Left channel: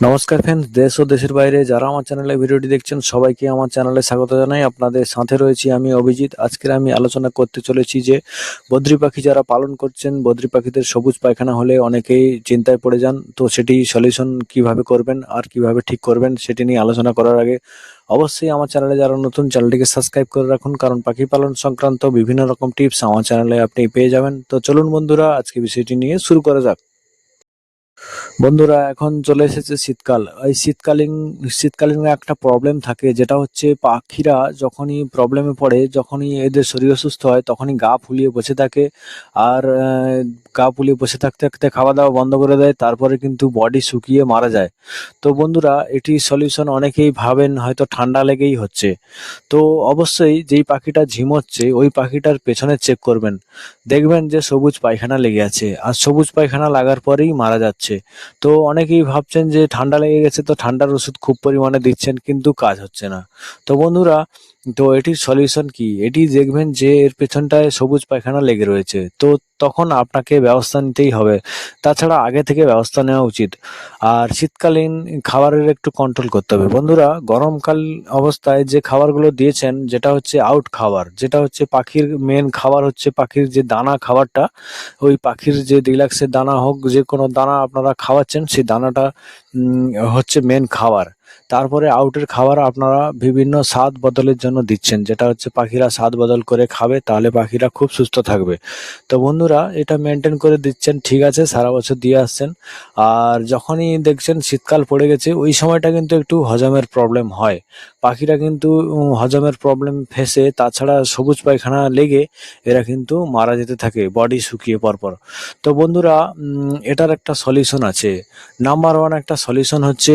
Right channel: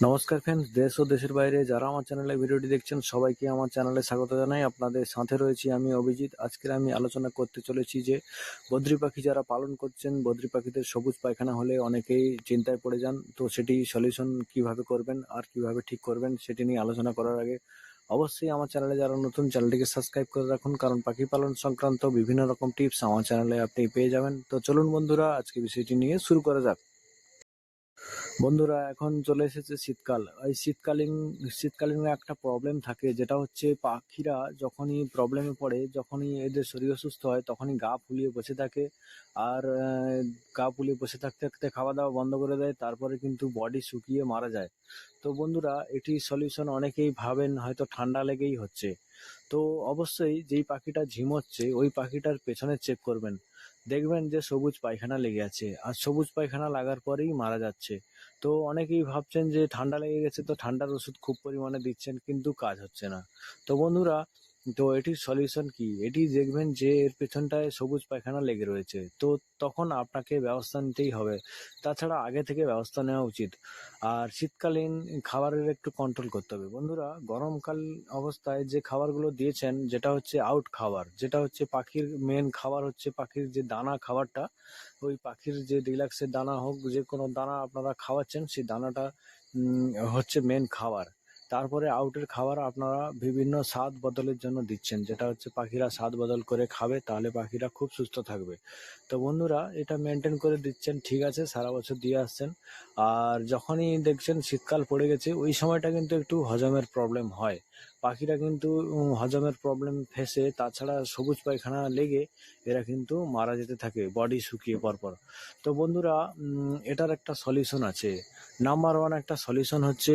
নমস্কার ফ্রেন্ডস দেশ ও দেশের বাইরে যারা আমার চ্যানেলে ভিডিওটি দেখছেন, সবাইকে আমার চ্যানেলে স্বাগত জানাই। আপনাদের সাথে রয়েছি আমি অভিজিৎ। আজকের আমি আলোচনা করতে চলেছি যে, বদ্রি পাখি যারা পালন করছেন, বদ্রি পাখিদের সবুজ পায়খানা হলে অনেকেই চিন্তায় পড়ে যান। তো সেটি সলিউশন কীভাবে করবেন আর কীভাবে ঠিক করবেন, সেটি নিয়ে আলোচনা করার আগে অবশ্যই আমার চ্যানেলে যারা নতুন চ্যানেলটিকে সাবস্ক্রাইব করে রাখুন। কারণ পাখি পালন সংক্রান্ত বিভিন্ন রকম টিপস আমার চ্যানেলে আপনি পেয়ে যাবেন। তো চলুন বন্ধুরা, আজকে বিষয়টি নিয়ে শুরু করা যাক। বন্ধুরা, এখন চলে এসেছে শীতকাল। এই শীতকালীন শীতকালীন একটা প্রবলেম থাকে, যেটা হচ্ছে পাখিরা যখনই প্রবলেমে পড়ে, যখনই এদের শরীর অসুস্থ হয়, তখনই গা ফুলিয়ে বসে থাকে। আর গা ফুলিয়ে বসে থাকতে থাকতে খাওয়া দাওয়া বন্ধ করে দেয়, তারপরে কিন্তু বডি শুকিয়ে মারা যায়। তো বন্ধুরা, এটি সলিউশন অনেকেই ভাবেন, হয়তো ঠান্ডা লেগেই হচ্ছে। তো অবশ্যই যেই পাখিটা ঝিমোচ্ছে, ওই পাখিটার পেছনে চেক করবেন। দেখবেন যে সবুজ পায়খানা লেগে আছে, আর সবুজ পায়খানা লাগার পরেই মারা যাচ্ছে। তো অনেকেই ভাবছেন যে ঠান্ডা লেগে গেছে, তো ঠান্ডার ওষুধ খুব পরিমাণে দিচ্ছেন, কিন্তু কাজ হচ্ছে না। তো বন্ধুরা তো এটির সলিউশন কি? এটি দেখবেন যে এর পেছনটায় সবুজ পায়খানা লেগে রয়েছে। তো তখন আপনাকে ব্যবস্থা নিতেই হবে। তাছাড়া আগে থেকে ব্যবস্থা নেওয়া উচিত। আর শীতকালীন খাবারের একটু কন্ট্রোল করতে হবে। বন্ধুরা, গরমকাল অবস্থায় যে খাবারগুলো দিয়েছেন, যেটা হচ্ছে আউট খাবার, যেটা হচ্ছে পাখির মেন খাবার হচ্ছে পাখির যে দানা খাবারটা, ওই পাখির যে রিল্যাক্সের দানা হোক, যে কোনো দানা আপনারা খাওয়াচ্ছেন, সেই দানাটা হচ্ছে মেন খাবার। তারপরে আউটের খাবার আপনারা বিভিন্ন স্বাদ বদলের জন্য দিচ্ছেন, যেটা হচ্ছে পাখিরা স্বাদ বদল করে খাবে, তাহলে পাখিরা খুব সুস্থ থাকবে। তো বন্ধুরা, এটা মেনটেন করে দিচ্ছেন, ঠিক আছে, সারা বছর দিয়ে আসছেন। আর যখনই দেখছেন শীতকাল পড়ে গেছে, ওই সময়টা কিন্তু একটু হজমের প্রবলেম হয়। পাখিরা কিন্তু হজমের প্রবলেম ফেসে, তাছাড়া সবুজ পায়খানা লেগে এরা কিন্তু মারা যেতে থাকে বডি শুকিয়ে পরপর। তো বন্ধুরা এটার একটা সলিউশন আছে। নাম্বার ওয়ান একটা সলিউশন হচ্ছে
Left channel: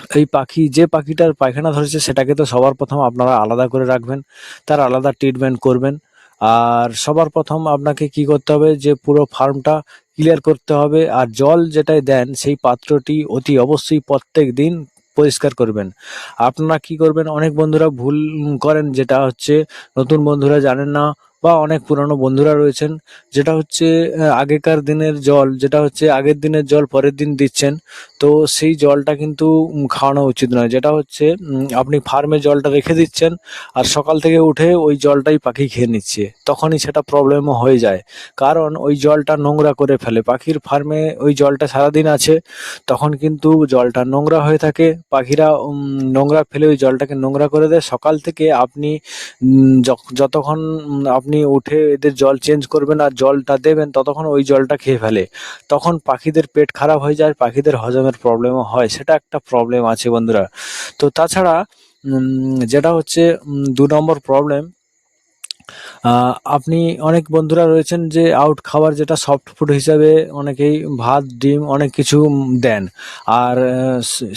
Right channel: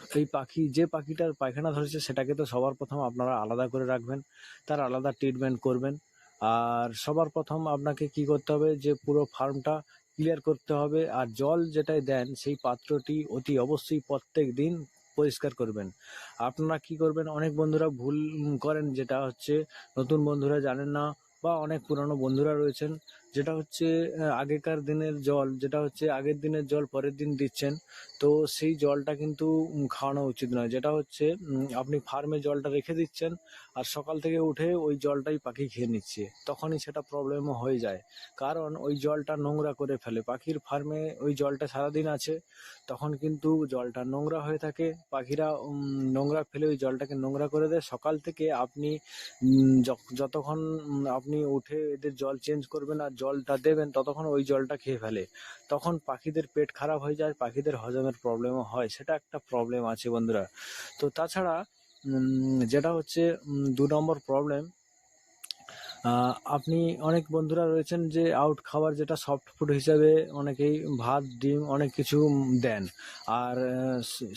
এই পাখি, যে পাখিটার পায়খানা ধরেছে, সেটাকে তো সবার প্রথম আপনারা আলাদা করে রাখবেন। তার আলাদা ট্রিটমেন্ট করবেন। আর সবার প্রথম আপনাকে কি করতে হবে যে, পুরো ফার্মটা ক্লিয়ার করতে হবে। আর জল যেটাই দেন, সেই পাত্রটি অতি অবশ্যই প্রত্যেক দিন পরিষ্কার করবেন। আপনারা কি করবেন? অনেক বন্ধুরা ভুল করেন, যেটা হচ্ছে নতুন বন্ধুরা জানেন না। বা অনেক পুরানো বন্ধুরা রয়েছেন যেটা হচ্ছে আগেকার দিনের জল যেটা হচ্ছে আগের দিনের জল পরের দিন দিচ্ছেন তো সেই জলটা কিন্তু খাওয়ানো উচিত নয়। যেটা হচ্ছে আপনি ফার্মে জলটা রেখে দিচ্ছেন আর সকাল থেকে উঠে ওই জলটাই পাখি খেয়ে নিচ্ছে তখনই সেটা প্রবলেমও হয়ে যায়। কারণ ওই জলটা নোংরা করে ফেলে পাখির ফার্মে ওই জলটা সারাদিন আছে তখন কিন্তু জলটা নোংরা হয়ে থাকে পাখিরা নোংরা ফেলে ওই জলটাকে নোংরা করে দেয়। সকাল থেকে আপনি যতক্ষণ উম, আপনি উঠে এদের জল চেঞ্জ করবেন আর জলটা দেবেন, ততক্ষণ ওই জলটা খেয়ে ফেলে। তখন পাখিদের পেট খারাপ হয়ে যায়, পাখিদের হজমের প্রবলেমও হয়। সেটা একটা প্রবলেম আছে বন্ধুরা। তো তাছাড়া যেটা হচ্ছে দু নম্বর প্রবলেম আপনি অনেক বন্ধুরা রয়েছেন যে আউট খাবার যেটা সফট ফুড হিসাবে অনেকেই ভাত, ডিম অনেক কিছু দেন। আর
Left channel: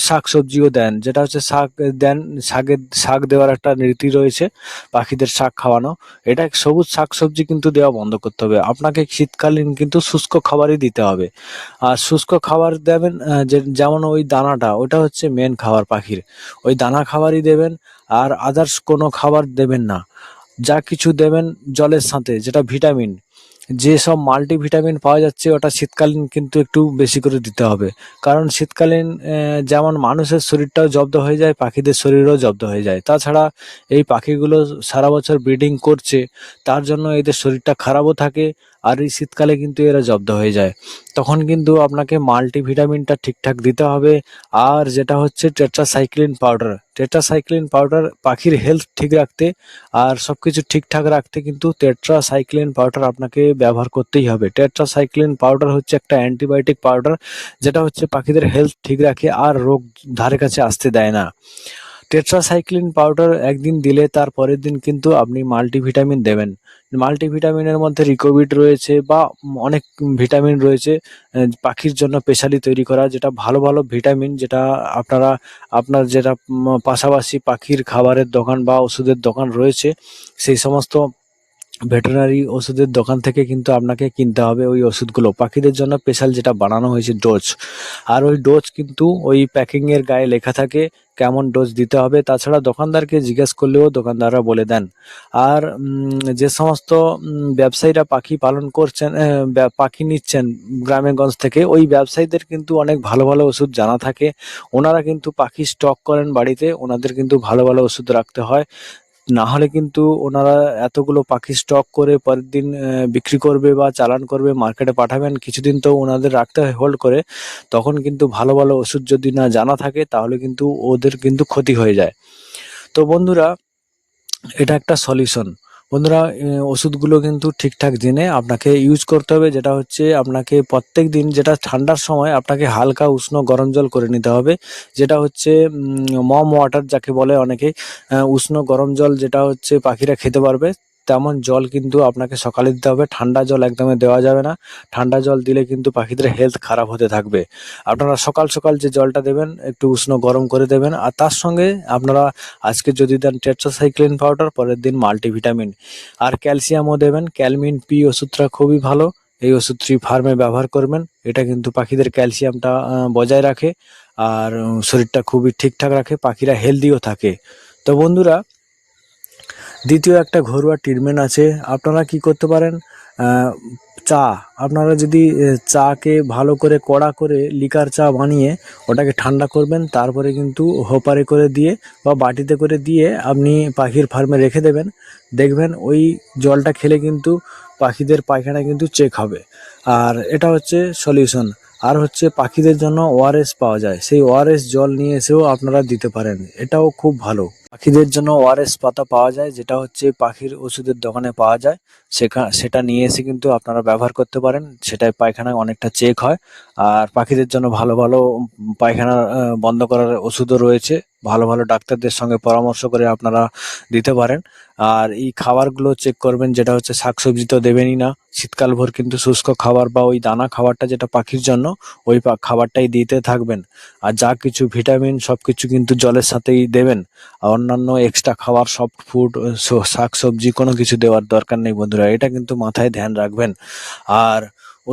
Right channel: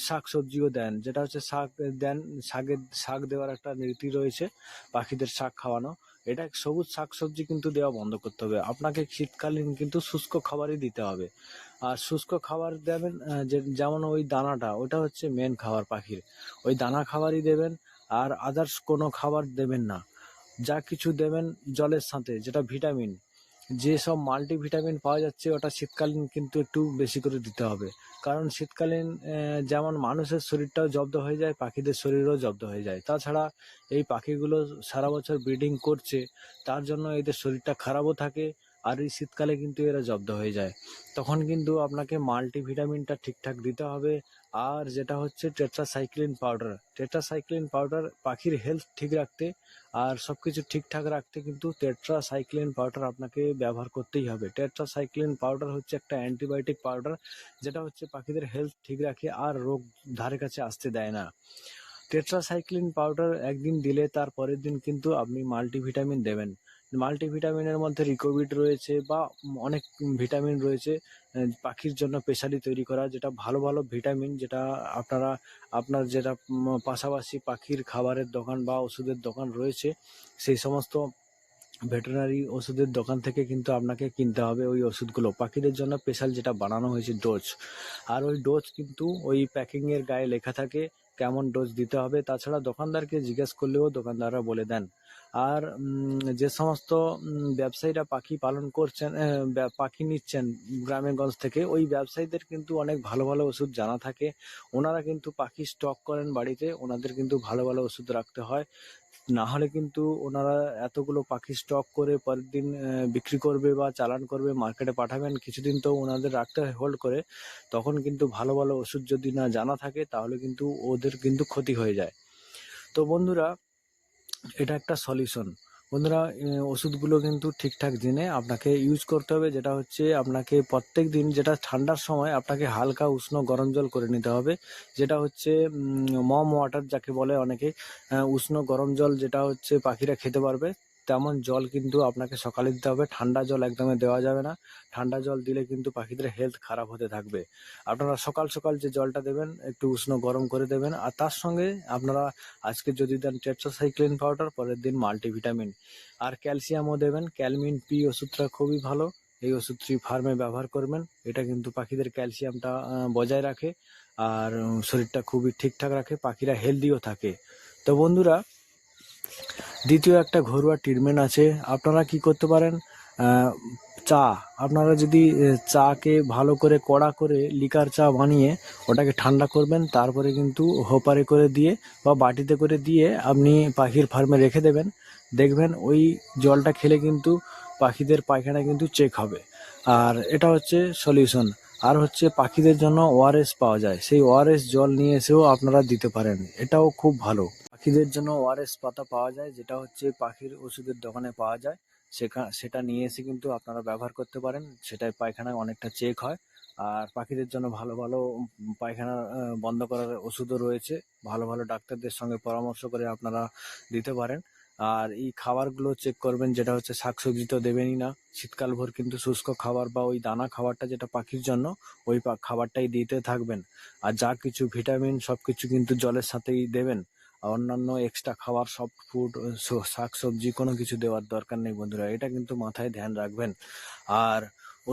শাক সবজিও দেন। যেটা হচ্ছে শাক দেন শাকের শাক দেওয়ার একটা রীতি রয়েছে পাখিদের শাক খাওয়ানো। এটা সবুজ শাক সবজি কিন্তু দেওয়া বন্ধ করতে হবে। আপনাকে শীতকালীন কিন্তু শুষ্ক খাবারই দিতে হবে। আর শুষ্ক খাবার দেবেন যেমন ওই দানাটা, ওটা হচ্ছে মেন খাবার পাখির। ওই দানা খাবারই দেবেন, আর আদার্স কোনো খাবার দেবেন না। যা কিছু দেবেন জলের সাথে, যেটা ভিটামিন। যেসব মাল্টিভিটামিন পাওয়া যাচ্ছে, ওটা শীতকালীন কিন্তু একটু বেশি করে দিতে হবে। কারণ শীতকালীন যেমন মানুষের শরীরটাও জব্দ হয়ে যায়, পাখিদের শরীরও জব্দ হয়ে যায়। তাছাড়া এই পাখিগুলো সারা বছর ব্রিডিং করছে, তার জন্য এদের শরীরটা খারাপও থাকে আর এই শীতকালে কিন্তু এরা জব্দ হয়ে যায়। তখন কিন্তু আপনাকে মাল্টিভিটামিনটা ঠিকঠাক দিতে হবে। আর যেটা হচ্ছে টেট্রাসাইক্লিন পাউডার টেট্রাসাইক্লিন পাউডার পাখির হেলথ ঠিক রাখতে আর সব কিছু ঠিকঠাক রাখতে কিন্তু টেট্রাসাইক্লিন পাউডার আপনাকে ব্যবহার করতেই হবে। টেট্রাসাইক্লিন পাউডার হচ্ছে একটা অ্যান্টিবায়োটিক পাউডার যেটা হচ্ছে পাখিদের হেলথ ঠিক রাখে আর রোগ ধারে কাছে আসতে দেয় না। টেট্রাসাইক্লিন পাউডার একদিন দিলে তার পরের দিন কিন্তু আপনি মাল্টিভিটামিন দেবেন। মাল্টিভিটামিনের মধ্যে রিকোভিড রয়েছে বা অনেক ভিটামিন রয়েছে পাখির জন্য স্পেশালি তৈরি করা, যেটা ভালো ভালো ভিটামিন, যেটা আপনারা, আপনার যেটা পাশাপাশি পাখির খাবারের দোকান বা ওষুধের দোকান রয়েছে, সেই সমস্ত ভেটেরিনারি ওষুধের দোকান থেকে কিন্তু আপনাকে কিনতে হবে ওই ওষুধগুলো। পাখিদের জন্য স্পেশাল যেটা বানানো হয়েছে ডোজ। আর ওই ডোজ কিন্তু ওই প্যাকিংয়ের গায়ে লেখা থাকে কেমন ডোজ দিতে হবে, তাছাড়া দোকানদারকে জিজ্ঞেস করলেও দোকানদাররা বলে দেন। আর যে সমস্ত ব্যবসায়ীরা পাখি পালন করছেন পাখি নিচ্ছেন গ্রামেগঞ্জ থেকে, ওই ব্যবসায়ীদের কিন্তু অনেক ভালো ভালো ওষুধ জানা থাকে। ওনারা কিন্তু পাখি স্টক করেন বাড়িতে, ওনাদের কিন্তু ভালো ভালো ওষুধ রাখতে হয়। না হলে কিন্তু ওনারা এতগুলো পাখি স্টক করে পরের দিন বিক্রি করবে বা চালান করবে মার্কেটে পাঠাবেন, কিছুদিন তো ওনাদের রাখতে হয় হোল্ড করে, তখন কিন্তু ভালো ভালো ওষুধ যদি না জানা থাকে, তাহলে কিন্তু ওদের কিন্তু ক্ষতি হয়ে যায়। তো বন্ধুরা, এটা একটা সলিউশন বন্ধুরা ওষুধগুলো কিন্তু ঠিকঠাক জেনে আপনাকে ইউজ করতে হবে। যেটা হচ্ছে আপনাকে প্রত্যেক দিন যেটা ঠান্ডার সময় আপনাকে হালকা উষ্ণ গরম জল করে নিতে হবে। যেটা হচ্ছে মম ওয়াটার যাকে বলে অনেকে উষ্ণ গরম জল যেটা হচ্ছে পাখিরা খেতে পারবে। তেমন জল কিন্তু আপনাকে সকালে দিতে হবে। ঠান্ডা জল একদমই দেওয়া যাবে না। ঠান্ডা জল দিলে কিন্তু পাখিদের হেলথ খারাপ হতে থাকবে। আপনারা সকাল সকাল যে জলটা দেবেন, একটু উষ্ণ গরম করে দেবেন। আর তার সঙ্গে আপনারা আজকে যদি দেন টেট্রাসাইক্লিন পাউডার পরের দিন মাল্টিভিটামিন আর ক্যালসিয়ামও দেবেন। ক্যালমিন পি ওষুধটা খুবই ভালো। এই ওষুধটি ফার্মে ব্যবহার করবেন। এটা কিন্তু পাখিদের ক্যালসিয়ামটা বজায় রাখে। আর শরীরটা খুবই ঠিকঠাক রাখে। পাখিরা হেলদিও থাকে। তো বন্ধুরা দ্বিতীয় একটা ঘরোয়া ট্রিটমেন্ট আছে। আপনারা কি করতে পারেন? চা। আপনারা যদি চাকে ভালো করে কড়া করে লিকার চা বানিয়ে ওটাকে ঠান্ডা করবেন, তারপরে কিন্তু হোপারে করে দিয়ে বা বাটিতে করে দিয়ে আপনি পাখির ফার্মে রেখে দেবেন। দেখবেন ওই জলটা খেলে কিন্তু পাখিদের পায়খানা কিন্তু চেক হবে। আর এটা হচ্ছে সলিউশন আর হচ্ছে পাখিদের জন্য ওআরএস পাওয়া যায়। সেই ওআরএস জল নিয়ে এসেও আপনারা দিতে পারেন। এটাও খুব ভালো। পাখিদের জন্য ওআরএস পাতা পাওয়া যায়, যেটা হচ্ছে পাখির ওষুধের দোকানে পাওয়া যায়। সেখা, সেটা নিয়ে এসে কিন্তু আপনারা ব্যবহার করতে পারেন। সেটাই পায়খানায় অনেকটা চেক হয়। আর পাখিদের জন্য ভালো ভালো পায়খানা বন্ধ করার ওষুধও রয়েছে। ভালো ভালো ডাক্তারদের সঙ্গে পরামর্শ করে আপনারা দিতে পারেন। আর এই খাবারগুলো চেক করবেন, যেটা হচ্ছে শাকসবজি তো দেবেনই না। শীতকাল ভোর কিন্তু শুষ্ক খাবার বা ওই দানা খাবারটা যেটা পাখির জন্য, ওই খাবারটাই দিতে থাকবেন। আর যা কিছু ভিটামিন সব কিছু কিন্তু জলের সাথেই দেবেন। আর অন্যান্য এক্সট্রা খাবার সফট ফুড শাক সবজি কোনো কিছু দেওয়ার দরকার নেই বন্ধুরা, এটা কিন্তু মাথায় ধ্যান রাখবেন। আর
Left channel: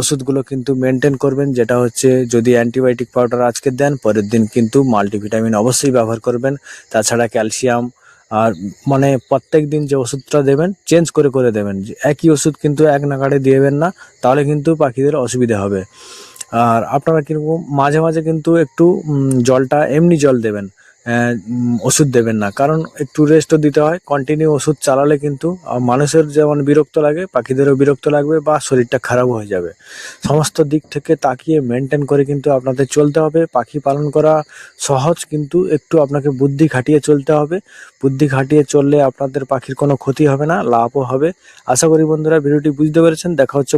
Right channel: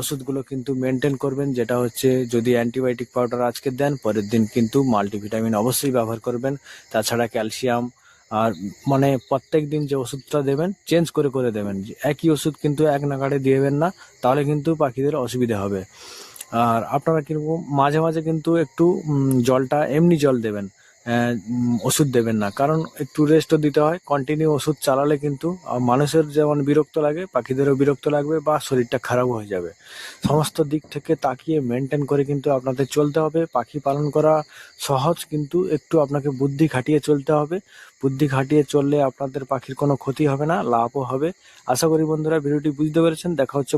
ওষুধগুলো কিন্তু মেনটেন করবেন, যেটা হচ্ছে যদি অ্যান্টিবায়োটিক পাউডার আজকে দেন, পরের দিন কিন্তু মাল্টিভিটামিন অবশ্যই ব্যবহার করবেন। তাছাড়া ক্যালসিয়াম আর মানে প্রত্যেক দিন যে ওষুধটা দেবেন চেঞ্জ করে করে দেবেন। একই ওষুধ কিন্তু এক নাগাড়ে দিয়েবেন না, তাহলে কিন্তু পাখিদের অসুবিধা হবে। আর আপনারা কিন্তু মাঝে মাঝে কিন্তু একটু জলটা, এমনি জল দেবেন। ওষুধ দেবেন না। কারণ একটু রেস্টও দিতে হয় কন্টিনিউ ওষুধ চালালে কিন্তু মানুষের যেমন বিরক্ত লাগে, পাখিদেরও বিরক্ত লাগবে বা শরীরটা খারাপ হয়ে যাবে। সমস্ত দিক থেকে তাকিয়ে মেনটেন করে কিন্তু আপনাদের চলতে হবে। পাখি পালন করা সহজ, কিন্তু একটু আপনাকে বুদ্ধি খাটিয়ে চলতে হবে। বুদ্ধি খাটিয়ে চললে আপনাদের পাখির কোনো ক্ষতি হবে না, লাভও হবে। আশা করি বন্ধুরা, ভিডিওটি বুঝতে পেরেছেন। দেখা হচ্ছে